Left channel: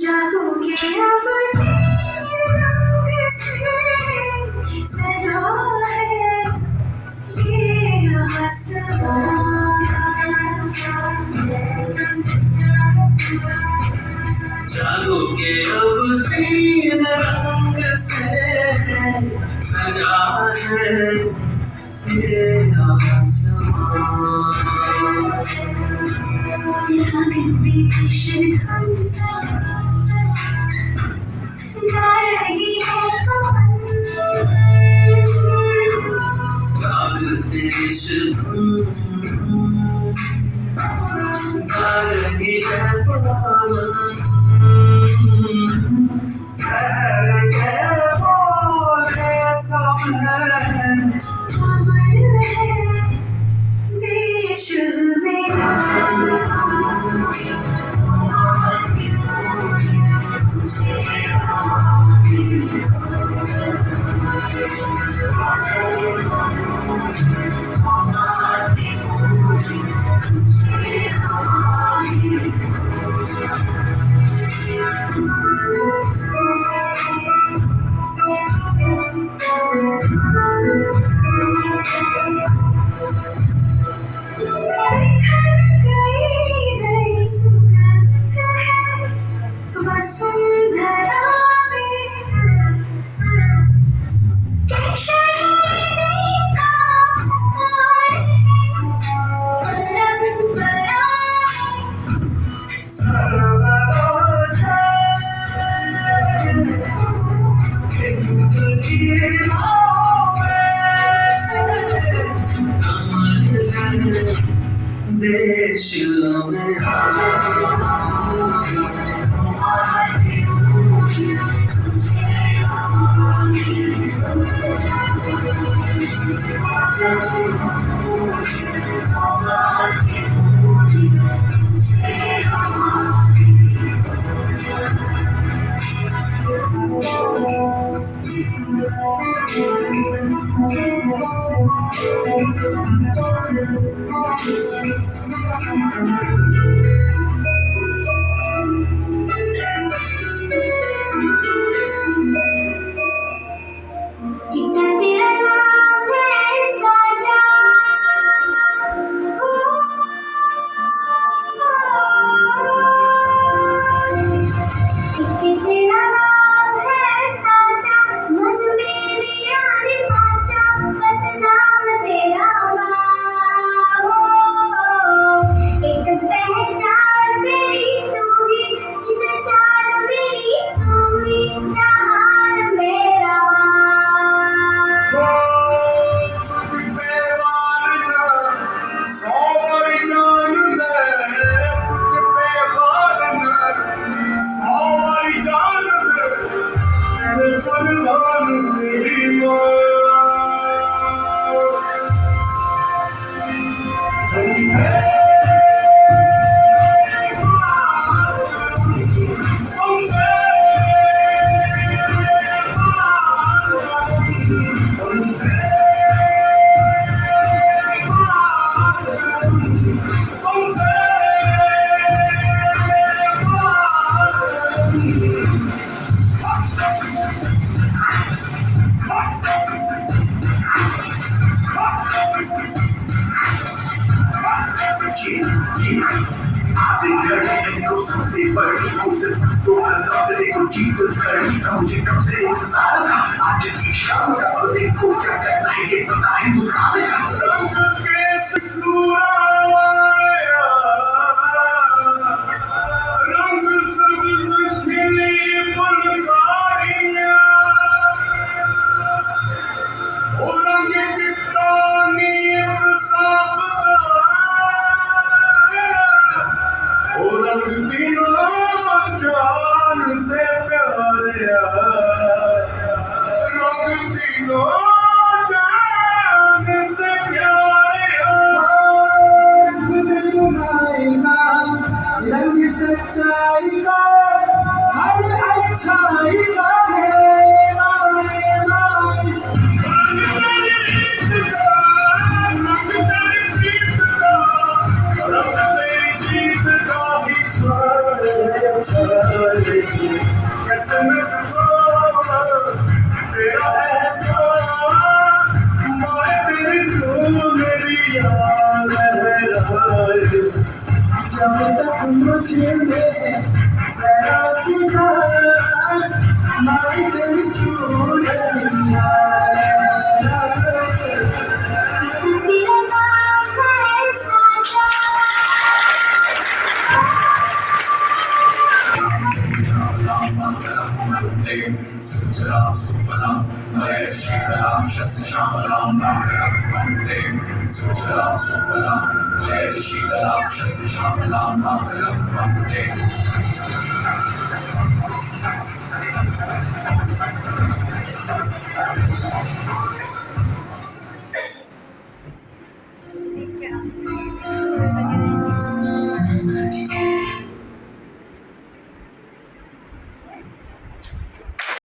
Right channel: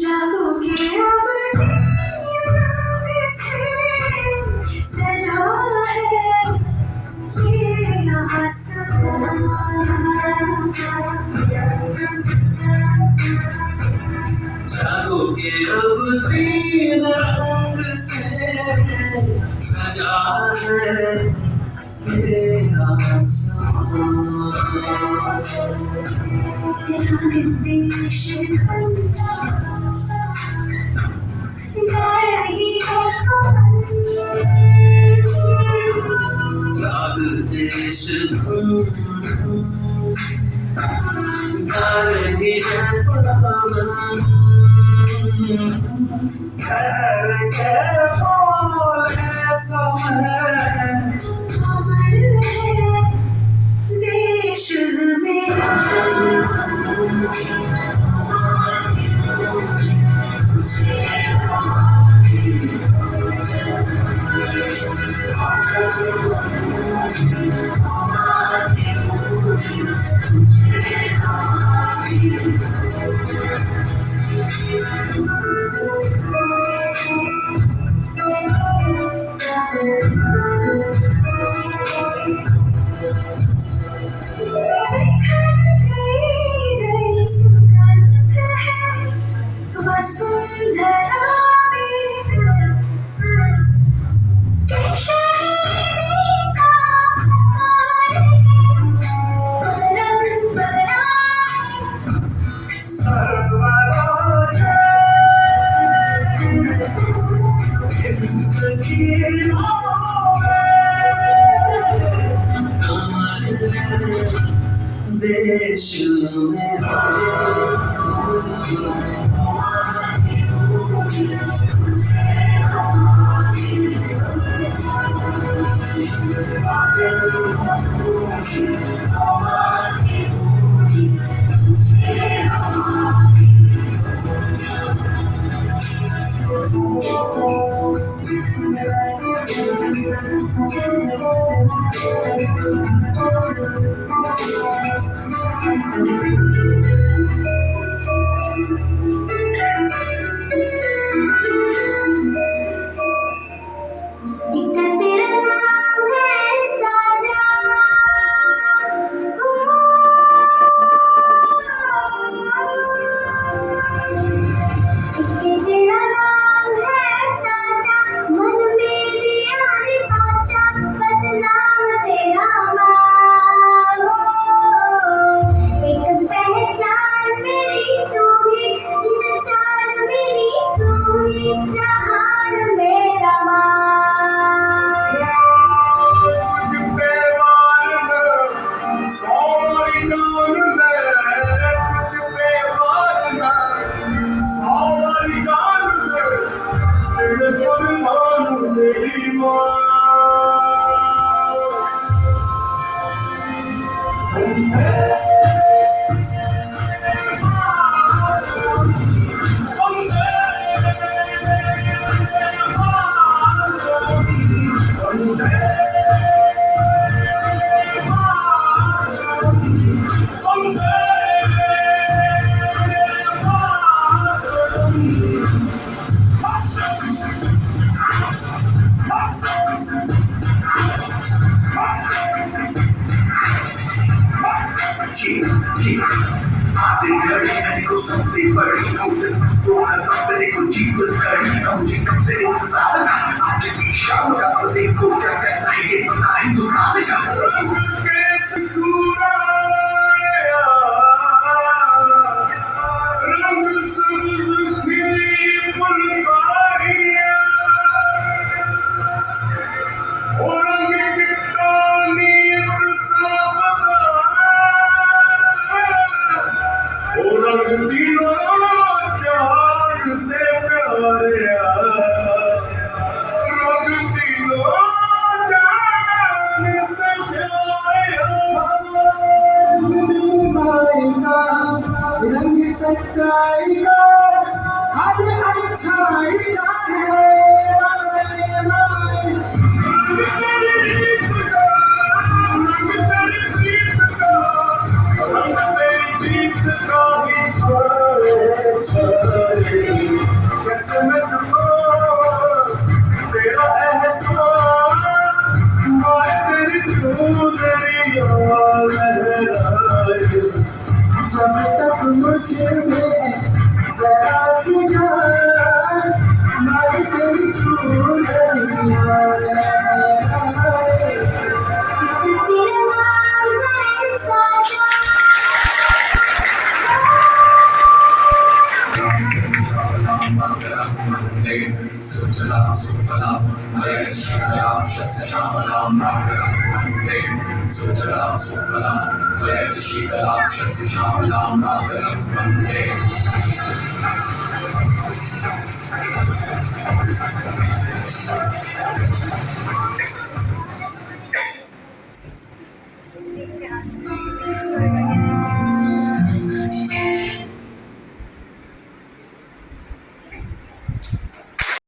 जादू के अब तीन रंग से सजा है ये आसमां। जादू के अब तीन रंग से सजा है ये आसमां। राग देश धन गा रही है पवन। राग देश धन गा रही है पवन। कह बोले समय अमर है देश मेरा। वसुंधरा में परंपरा सर्वराज देश में सबसे बड़ी मुझे को जीत करने का मुझे कब से इंतजार था। आज की शाम का देखो क्या करना है ये पता हिंदुस्तान का। सच्चाई का हर अच्छाई का है रंग तेरी जीत का ही छोड़ Sujalam Shasyaamalam Mataram Vande Sujalam Sufalam Jayati Shitalam Shasyaamalam Mataram Vande